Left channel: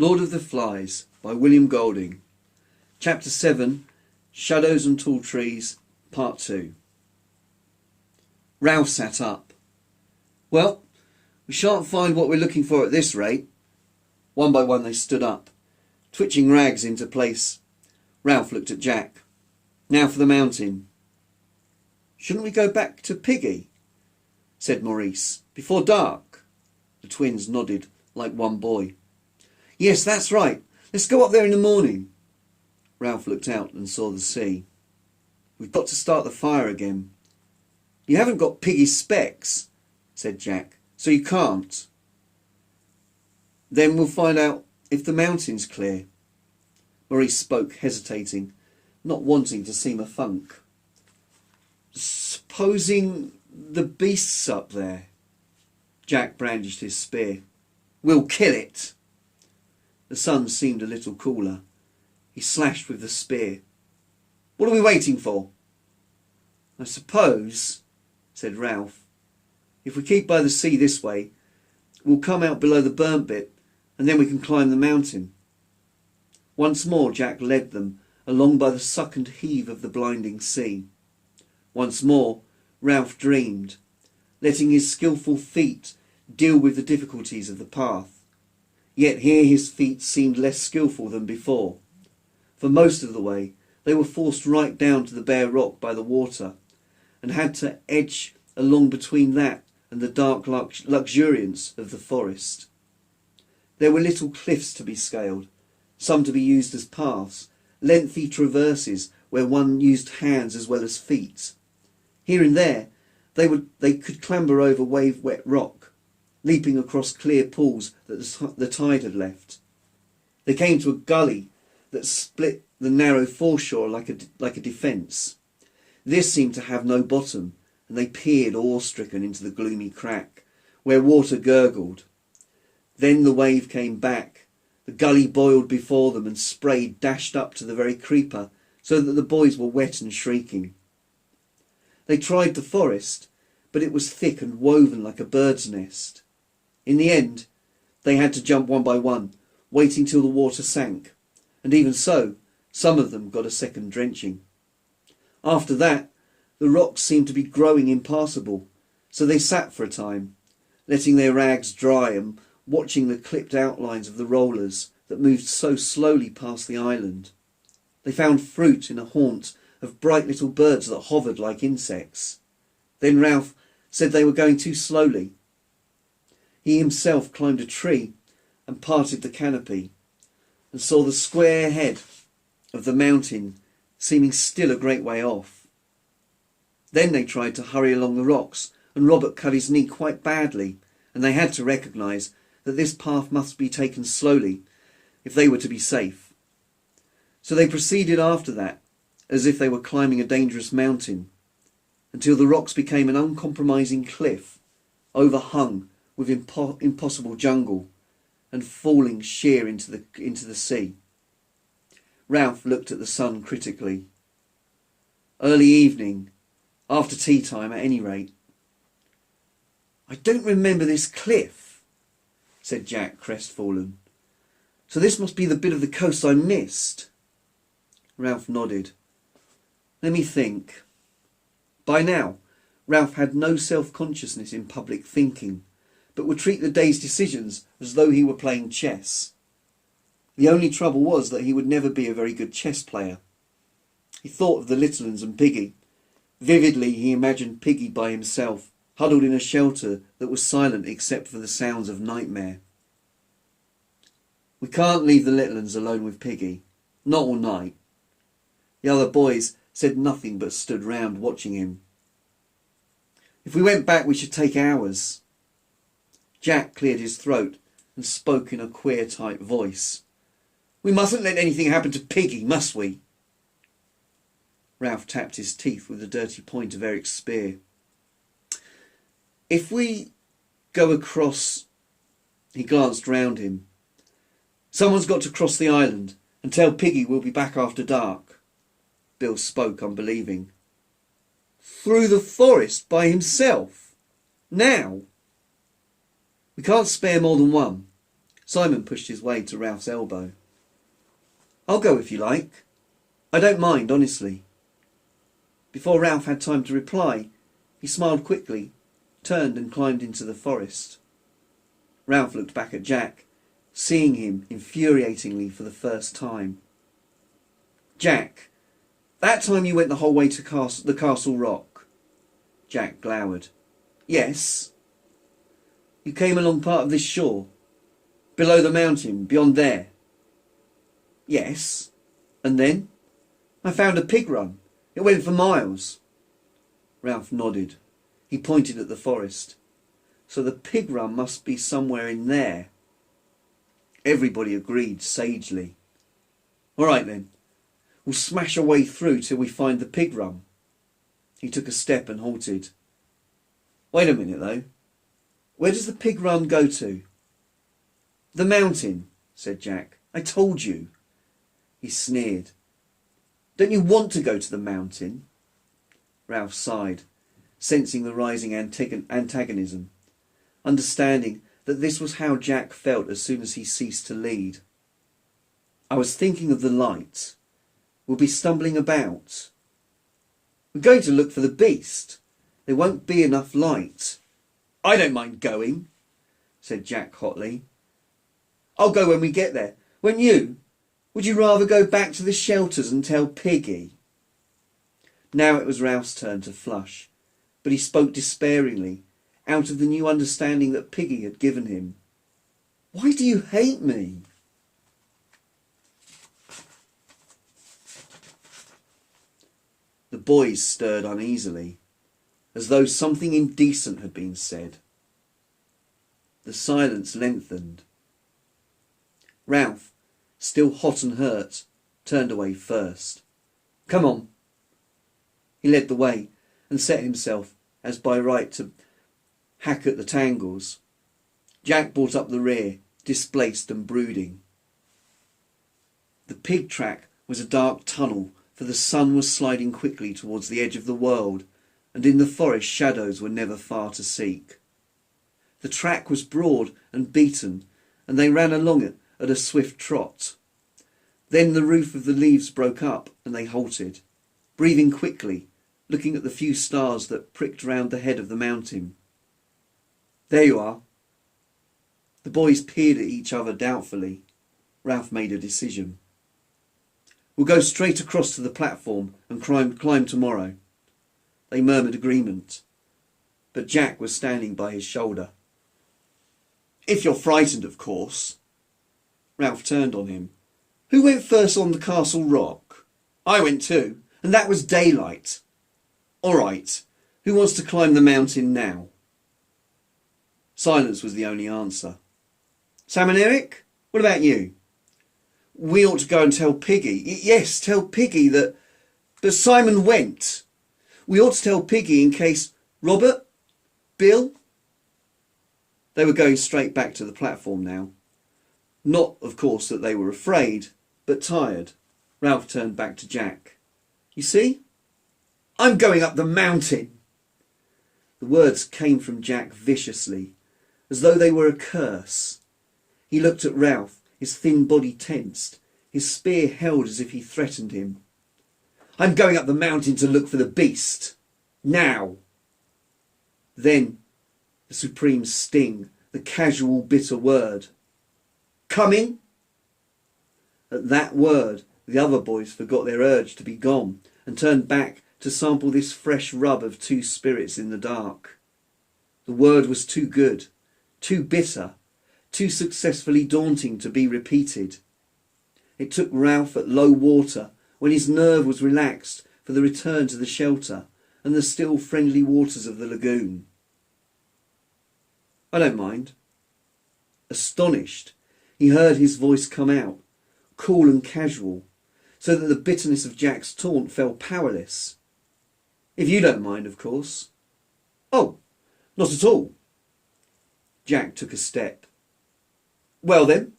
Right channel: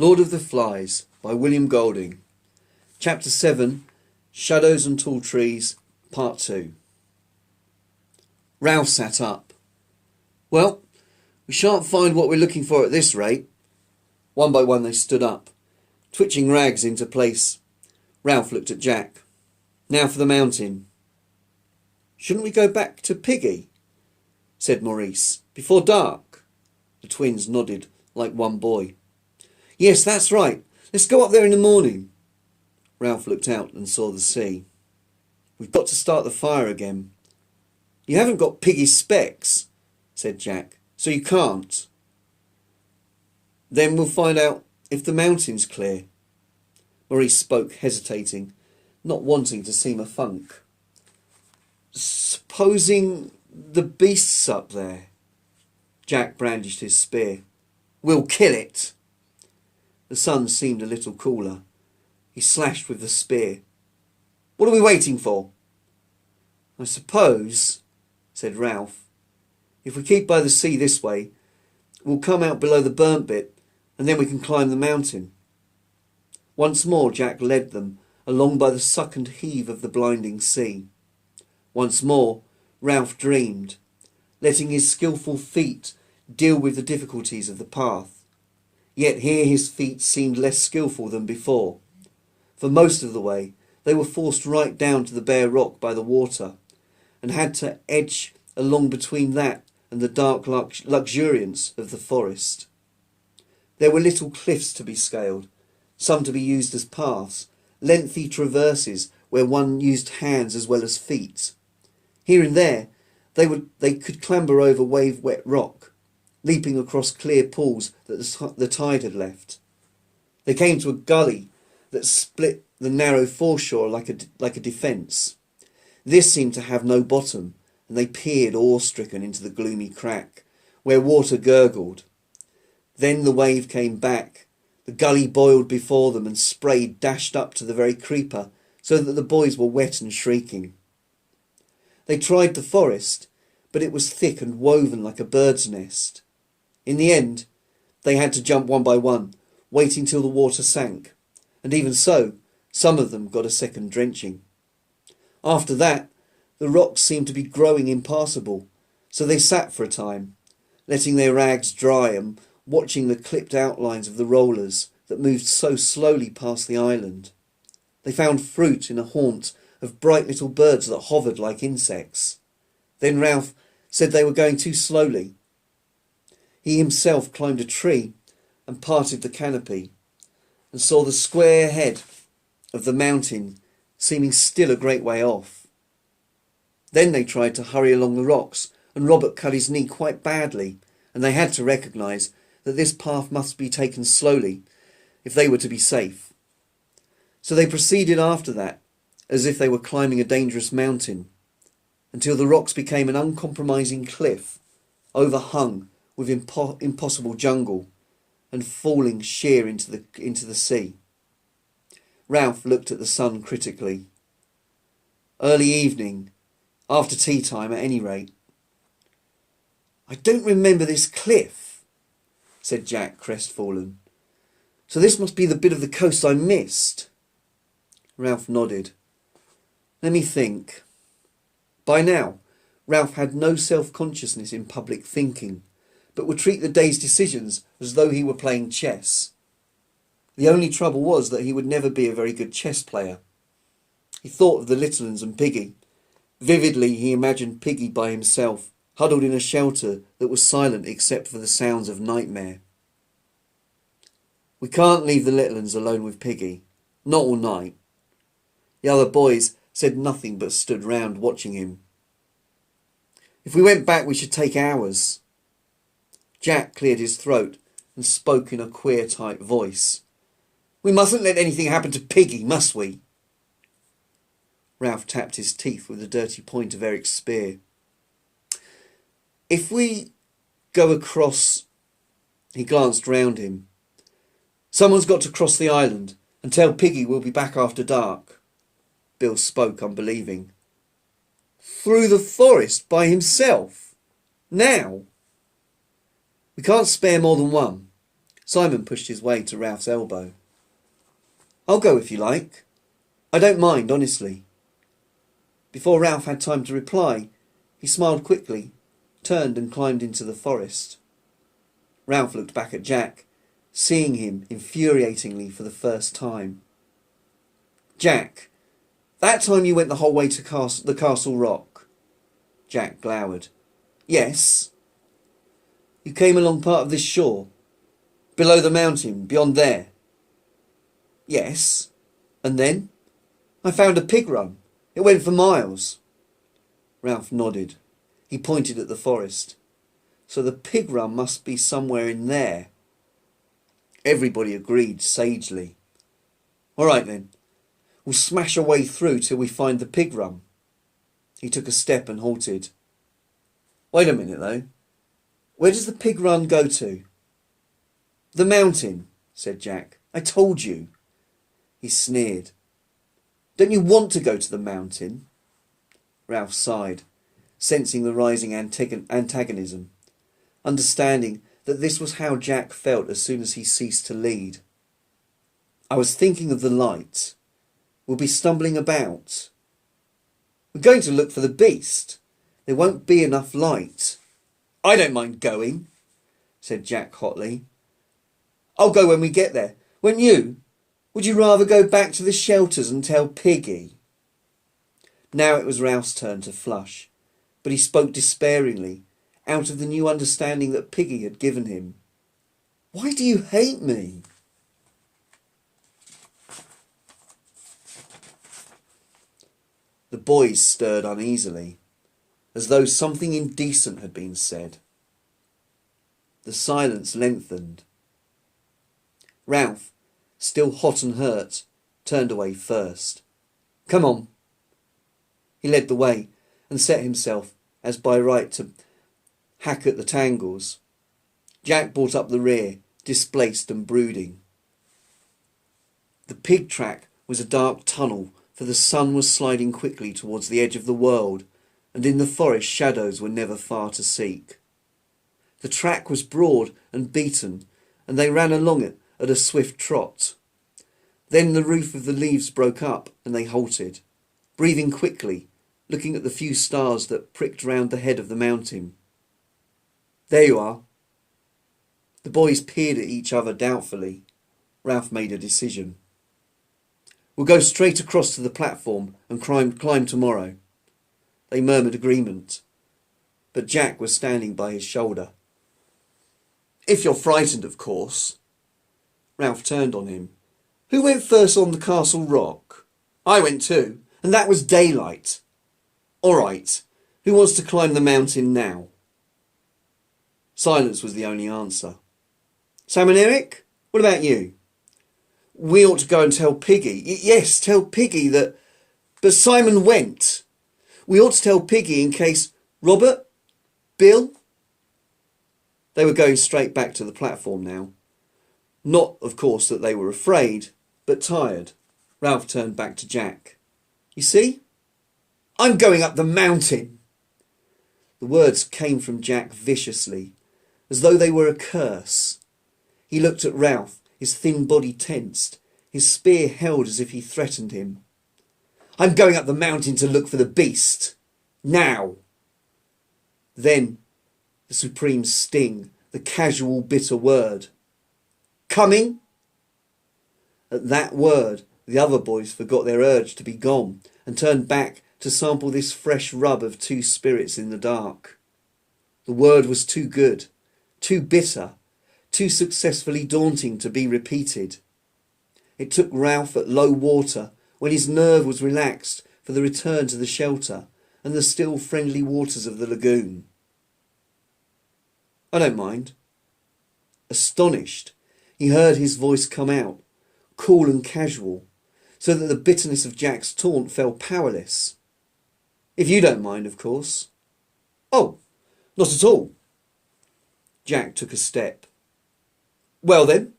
Lord of the Flies by William Golding. Chapter 7, Shadows and Tall Trees, Part 2. Ralph sat up. Well, we shan't find what we're looking for at this rate. One by one they stood up, twitching rags into place. Ralph looked at Jack. Now for the mountain. Shouldn't we go back to Piggy? Said Maurice. Before dark. The twins nodded like one boy. Yes, that's right. Let's go up there in the morning. Ralph looked out and saw the sea. We've got to start the fire again. You haven't got Piggy's specs, said Jack, so you can't. Then we'll find out if the mountain's clear. Maurice spoke, hesitating, not wanting to seem a funk. Supposing the beast's up there? Jack brandished his spear. We'll kill it. The sun seemed a little cooler. He slashed with the spear. What are we waiting for? I suppose, said Ralph, if we keep by the sea this way, we'll come out below the burnt bit, and then we can climb the mountain. Once more Jack led them along by the suck and heave of the blinding sea. Once more Ralph dreamed, letting his skilful feet deal with the difficulties of the path. Yet here his feet seemed less skilful than before. For most of the way they were forced right down to the bare rock by the water, and had to edge along between that and the dark luxuriance of the forest. There were little cliffs to be scaled, some to be used as paths, lengthy traverses where one used hands as well as feet. Here and there they could clamber over wave-wet rock, leaping across clear pools that the tide had left. They came to a gully that split the narrow foreshore like a defence. This seemed to have no bottom, and they peered awe-stricken into the gloomy crack, where water gurgled. Then the wave came back. The gully boiled before them, and spray dashed up to the very creeper, so that the boys were wet and shrieking. They tried the forest, but it was thick and woven like a bird's nest. In the end, they had to jump one by one, waiting till the water sank, and even so, some of them got a second drenching. After that, the rocks seemed to be growing impassable, so they sat for a time, letting their rags dry and watching the clipped outlines of the rollers that moved so slowly past the island. They found fruit in a haunt of bright little birds that hovered like insects. Then Ralph said they were going too slowly. He himself climbed a tree and parted the canopy, and saw the square head of the mountain seeming still a great way off. Then they tried to hurry along the rocks, and Robert cut his knee quite badly, and they had to recognise that this path must be taken slowly if they were to be safe. So they proceeded after that, as if they were climbing a dangerous mountain, until the rocks became an uncompromising cliff, overhung with impossible jungle, and falling sheer into the sea. Ralph looked at the sun critically. Early evening, after tea time at any rate. I don't remember this cliff, said Jack, crestfallen. So this must be the bit of the coast I missed. Ralph nodded. Let me think. By now, Ralph had no self-consciousness in public thinking, but would treat the day's decisions as though he were playing chess. The only trouble was that he would never be a very good chess player. He thought of the Littlens and Piggy. Vividly he imagined Piggy by himself, huddled in a shelter that was silent except for the sounds of nightmare. We can't leave the Littlens alone with Piggy, not all night. The other boys said nothing but stood round watching him. If we went back we should take hours. Jack cleared his throat and spoke in a queer tight voice. We mustn't let anything happen to Piggy, must we? Ralph tapped his teeth with the dirty point of Eric's spear. If we go across... He glanced round him. Someone's got to cross the island and tell Piggy we'll be back after dark. Bill spoke unbelieving. Through the forest by himself? Now? We can't spare more than one. Simon pushed his way to Ralph's elbow. I'll go if you like. I don't mind, honestly. Before Ralph had time to reply, he smiled quickly, turned and climbed into the forest. Ralph looked back at Jack, seeing him infuriatingly for the first time. Jack, that time you went the whole way to the Castle Rock? Jack glowered. Yes. You came along part of this shore? Below the mountain, beyond there? Yes. And then? I found a pig run. It went for miles. Ralph nodded. He pointed at the forest. So the pig run must be somewhere in there. Everybody agreed sagely. All right then. We'll smash our way through till we find the pig run. He took a step and halted. Wait a minute though. Where does the pig run go to? The mountain, said Jack. I told you. He sneered. Don't you want to go to the mountain? Ralph sighed, sensing the rising antagonism, understanding that this was how Jack felt as soon as he ceased to lead. I was thinking of the light. We'll be stumbling about. We're going to look for the beast. There won't be enough light. I don't mind going, said Jack hotly. I'll go when we get there. Won't you? Would you rather go back to the shelters and tell Piggy? Now it was Ralph's turn to flush, but he spoke despairingly, out of the new understanding that Piggy had given him. Why do you hate me? The boys stirred uneasily, as though something indecent had been said. The silence lengthened. Ralph, still hot and hurt, turned away first. Come on. He led the way and set himself, as by right, to hack at the tangles. Jack brought up the rear, displaced and brooding. The pig track was a dark tunnel, for the sun was sliding quickly towards the edge of the world, and in the forest shadows were never far to seek. The track was broad and beaten, and they ran along it at a swift trot. Then the roof of the leaves broke up, and they halted, breathing quickly, looking at the few stars that pricked round the head of the mountain. There you are. The boys peered at each other doubtfully. Ralph made a decision. We'll go straight across to the platform and climb tomorrow. They murmured agreement, but Jack was standing by his shoulder. If you're frightened, of course. Ralph turned on him. Who went first on the Castle Rock? I went too, and that was daylight. All right, who wants to climb the mountain now? Silence was the only answer. Sam and Eric, what about you? We ought to go and tell Piggy. Yes, tell Piggy that... But Simon went. We ought to tell Piggy in case... Robert? Bill? They were going straight back to the platform now. Not, of course, that they were afraid, but tired. Ralph turned back to Jack. You see? I'm going up the mountain. The words came from Jack viciously, as though they were a curse. He looked at Ralph, his thin body tensed, his spear held as if he threatened him. I'm going up the mountain to look for the beast. Now. Then the supreme sting, the casual bitter word. Coming? At that word, the other boys forgot their urge to be gone and turned back to sample this fresh rub of two spirits in the dark. The word was too good, too bitter, too successfully daunting to be repeated. It took Ralph at low water, when his nerve was relaxed for the return to the shelter and the still friendly waters of the lagoon. I don't mind. Astonished, he heard his voice come out, cool and casual, so that the bitterness of Jack's taunt fell powerless. If you don't mind, of course. Oh, not at all. Jack took a step. Well then.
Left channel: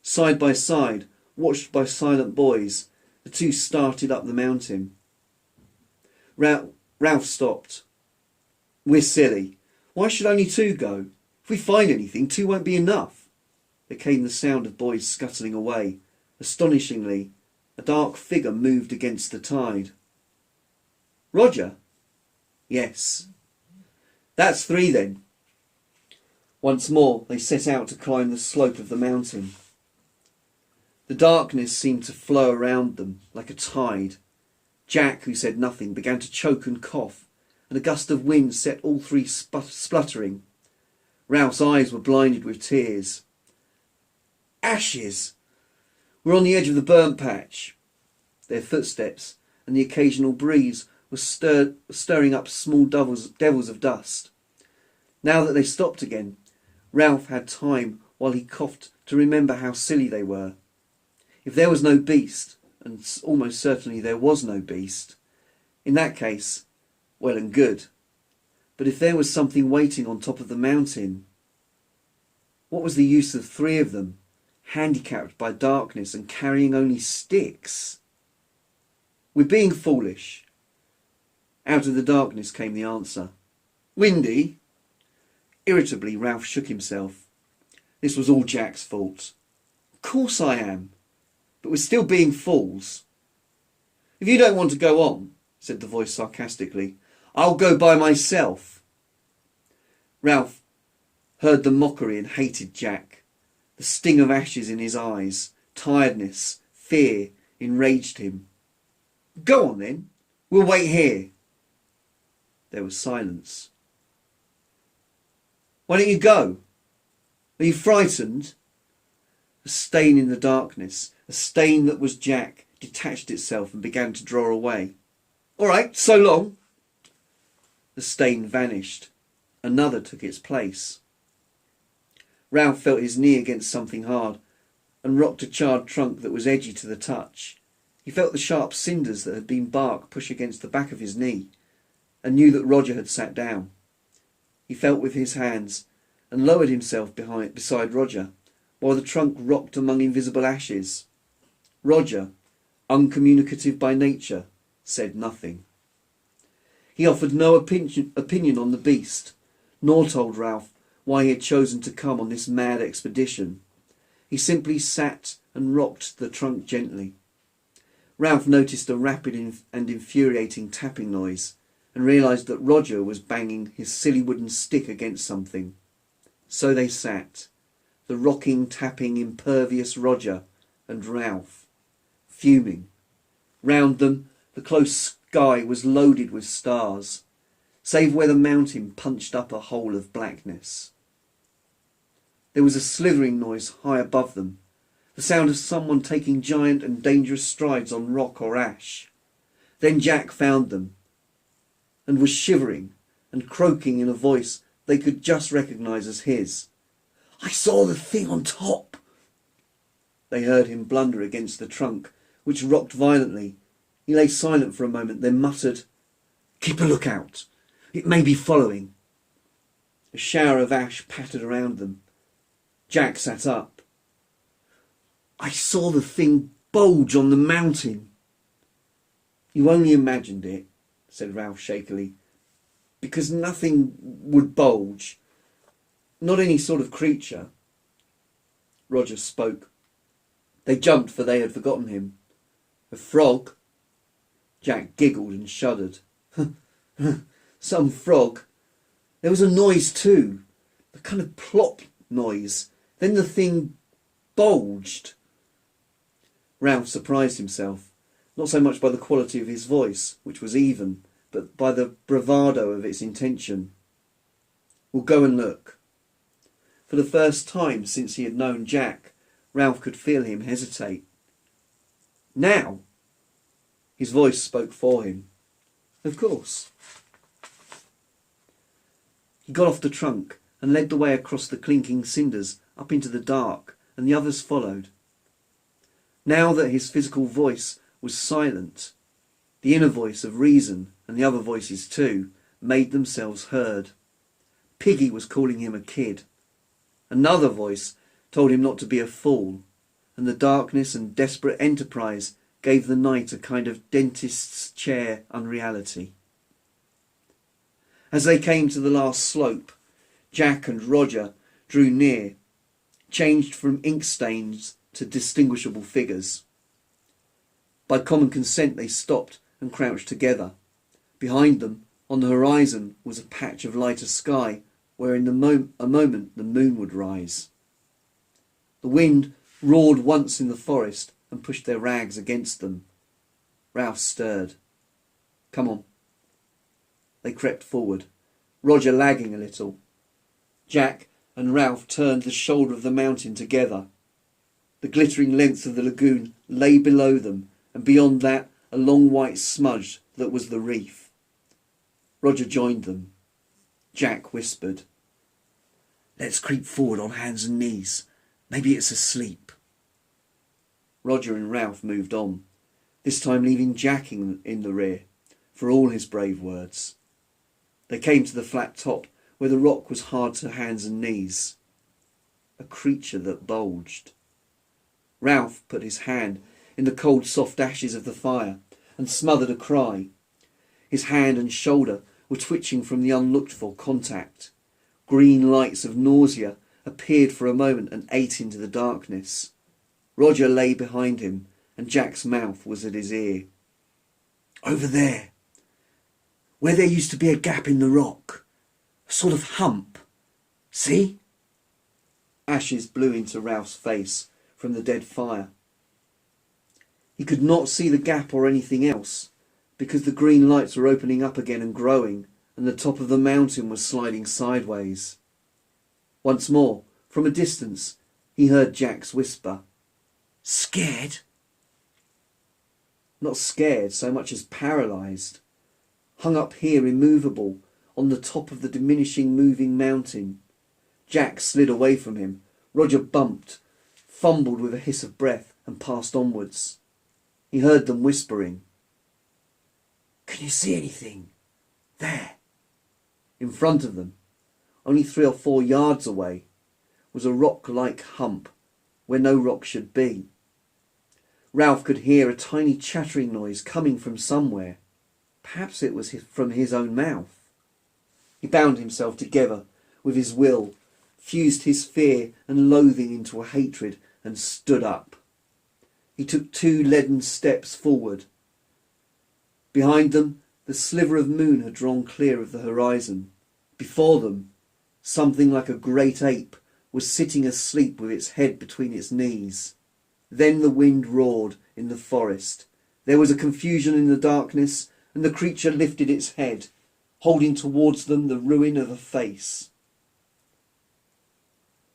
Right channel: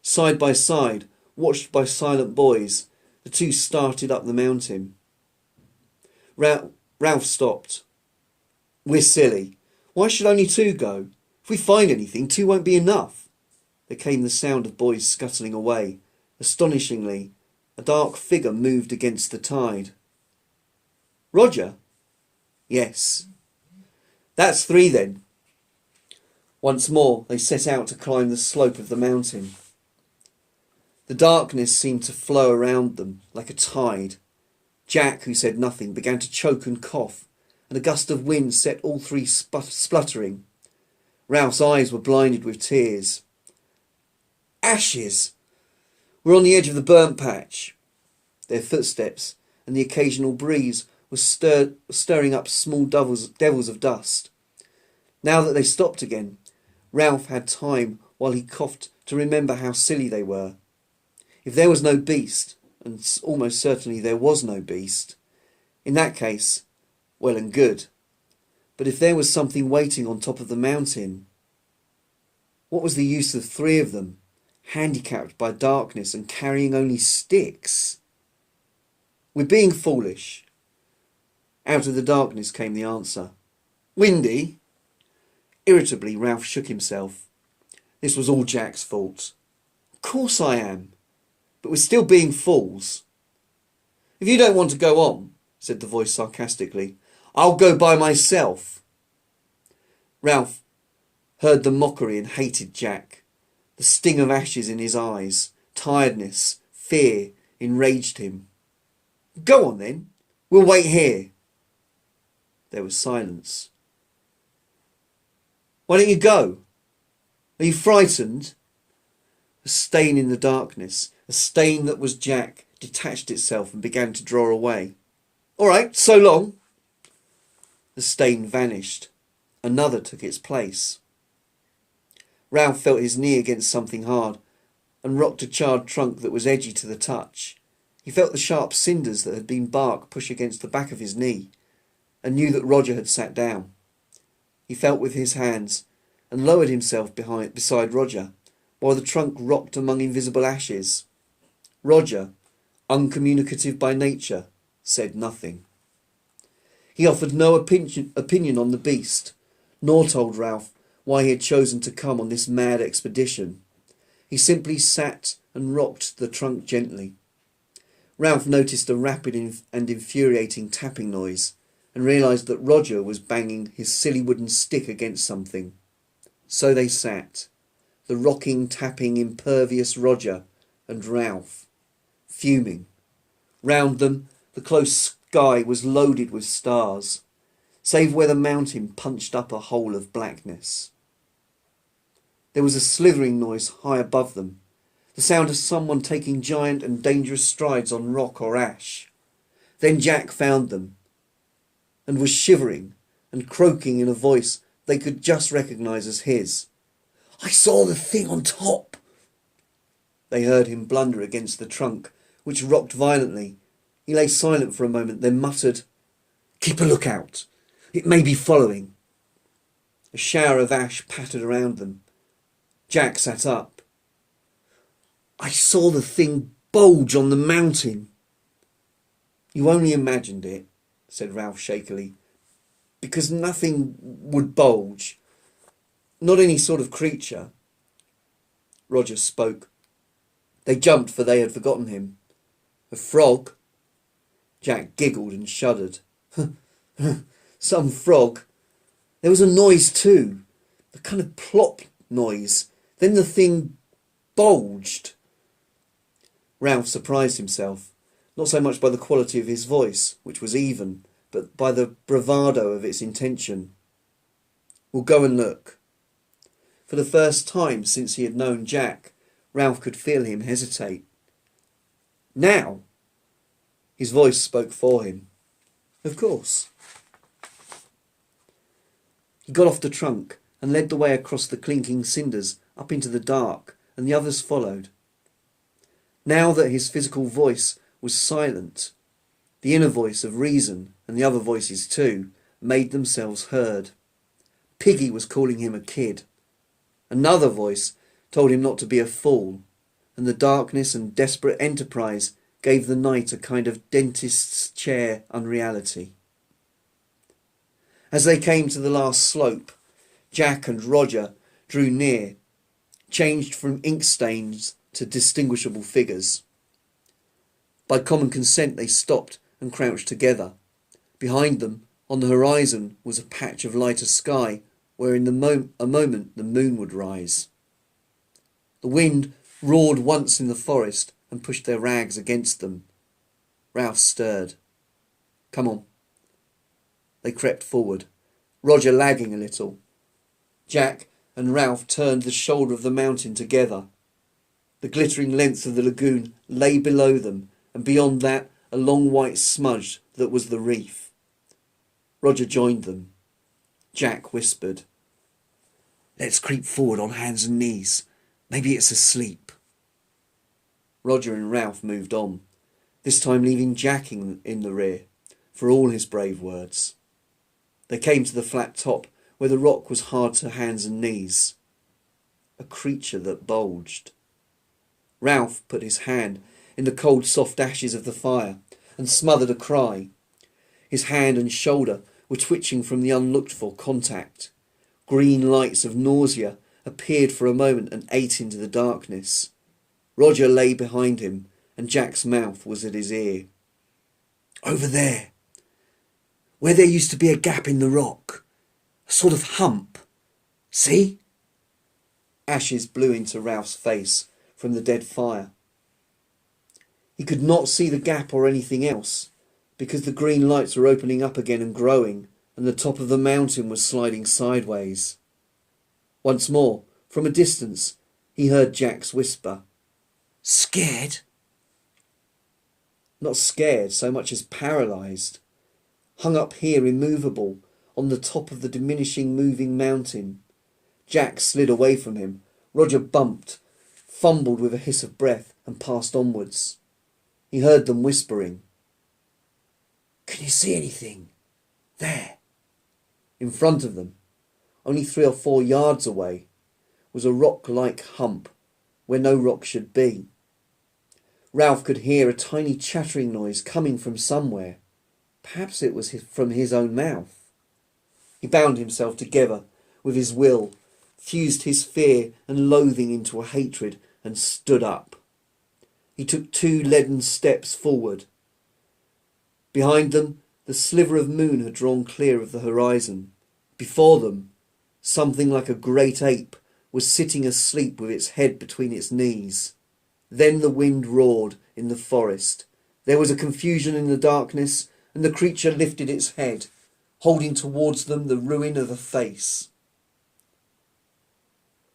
Side by side, watched by silent boys, the two started up the mountain. Ralph stopped. We're silly. Why should only two go? If If we find anything, 2 won't be enough. There came the sound of boys scuttling away. Astonishingly, a dark figure moved against the tide. Roger? Yes. That's 3 then. Once more they set out to climb the slope of the mountain. The darkness seemed to flow around them like a tide. Jack, who said nothing, began to choke and cough, and a gust of wind set all 3 spluttering. Ralph's eyes were blinded with tears. Ashes! We're on the edge of the burnt patch. Their footsteps and the occasional breeze were stirring up small devils of dust. Now that they stopped again, Ralph had time while he coughed to remember how silly they were. If there was no beast, and almost certainly there was no beast, in that case, well and good. But if there was something waiting on top of the mountain, what was the use of 3 of them, handicapped by darkness and carrying only sticks? We're being foolish. Out of the darkness came the answer. Windy? Irritably, Ralph shook himself. This was all Jack's fault. Of course I am. But we're still being fools. If you don't want to go on, said the voice sarcastically, I'll go by myself. Ralph heard the mockery and hated Jack. The sting of ashes in his eyes, tiredness, fear, enraged him. Go on then. We'll wait here. There was silence. Why don't you go? Are you frightened? A stain in the darkness, a stain that was Jack, detached itself and began to draw away. All right, so long. The stain vanished. Another took its place. Ralph felt his knee against something hard and rocked a charred trunk that was edgy to the touch. He felt the sharp cinders that had been bark push against the back of his knee and knew that Roger had sat down. He felt with his hands and lowered himself beside Roger while the trunk rocked among invisible ashes. Roger, uncommunicative by nature, said nothing. He offered no opinion on the beast, nor told Ralph why he had chosen to come on this mad expedition. He simply sat and rocked the trunk gently. Ralph noticed a rapid and infuriating tapping noise and realised that Roger was banging his silly wooden stick against something. So they sat, the rocking, tapping, impervious Roger and Ralph, fuming. Round them, the close sky was loaded with stars, save where the mountain punched up a hole of blackness. There was a slithering noise high above them, the sound of someone taking giant and dangerous strides on rock or ash. Then Jack found them, and was shivering and croaking in a voice they could just recognise as his. I saw the thing on top. They heard him blunder against the trunk, which rocked violently. He lay silent for a moment, then muttered, Keep a lookout. It may be following. A shower of ash pattered around them. Jack sat up. I saw the thing bulge on the mountain. You only imagined it, said Ralph shakily, because nothing would bulge. Not any sort of creature. Roger spoke. They jumped, for they had forgotten him. A frog? Jack giggled and shuddered. Some frog. There was a noise too, a kind of plop noise. Then the thing bulged. Ralph surprised himself, not so much by the quality of his voice, which was even, but by the bravado of its intention. We'll go and look. For the first time since he had known Jack, Ralph could feel him hesitate. Now? His voice spoke for him. Of course. He got off the trunk and led the way across the clinking cinders up into the dark, and the others followed. Now that his physical voice was silent, the inner voice of reason, and the other voices too, made themselves heard. Piggy was calling him a kid. Another voice told him not to be a fool, and the darkness and desperate enterprise gave the night a kind of dentist's chair unreality. As they came to the last slope, Jack and Roger drew near, changed from ink stains to distinguishable figures. By common consent they stopped and crouched together. Behind them, on the horizon, was a patch of lighter sky where in a moment the moon would rise. The wind roared once in the forest and pushed their rags against them. Ralph stirred. "Come on." They crept forward, Roger lagging a little. Jack and Ralph turned the shoulder of the mountain together. The glittering length of the lagoon lay below them, and beyond that a long white smudge that was the reef. Roger joined them. Jack whispered, "Let's creep forward on hands and knees. Maybe it's asleep." Roger and Ralph moved on, this time leaving Jack in the rear, for all his brave words. They came to the flat top, where the rock was hard to hands and knees. A creature that bulged. Ralph put his hand in the cold soft ashes of the fire and smothered a cry. His hand and shoulder were twitching from the unlooked-for contact. Green lights of nausea appeared for a moment and ate into the darkness. Roger lay behind him, and Jack's mouth was at his ear. "Over there, where there used to be a gap in the rock. A sort of hump. See?" Ashes blew into Ralph's face from the dead fire. He could not see the gap or anything else, because the green lights were opening up again and growing, and the top of the mountain was sliding sideways. Once more, from a distance, he heard Jack's whisper, "Scared?" Not scared so much as paralysed. Hung up here immovable, on the top of the diminishing moving mountain. Jack slid away from him. Roger bumped, fumbled with a hiss of breath, and passed onwards. He heard them whispering. "Can you see anything? There." In front of them, only 3 or 4 yards away, was a rock-like hump where no rock should be. Ralph could hear a tiny chattering noise coming from somewhere. Perhaps it was from his own mouth. He bound himself together with his will, fused his fear and loathing into a hatred, and stood up. He took 2 leaden steps forward. Behind them, the sliver of moon had drawn clear of the horizon. Before them, something like a great ape was sitting asleep with its head between its knees. Then the wind roared in the forest. There was a confusion in the darkness, and the creature lifted its head, holding towards them the ruin of a face.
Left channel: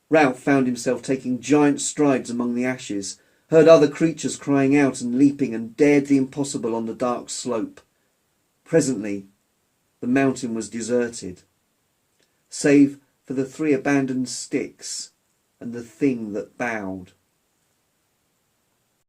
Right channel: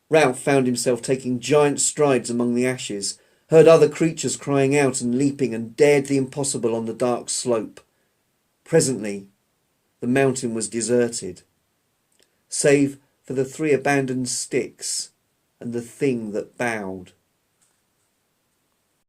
Ralph found himself taking giant strides among the ashes, heard other creatures crying out and leaping, and dared the impossible on the dark slope. Presently, the mountain was deserted, save for the 3 abandoned sticks and the thing that bowed.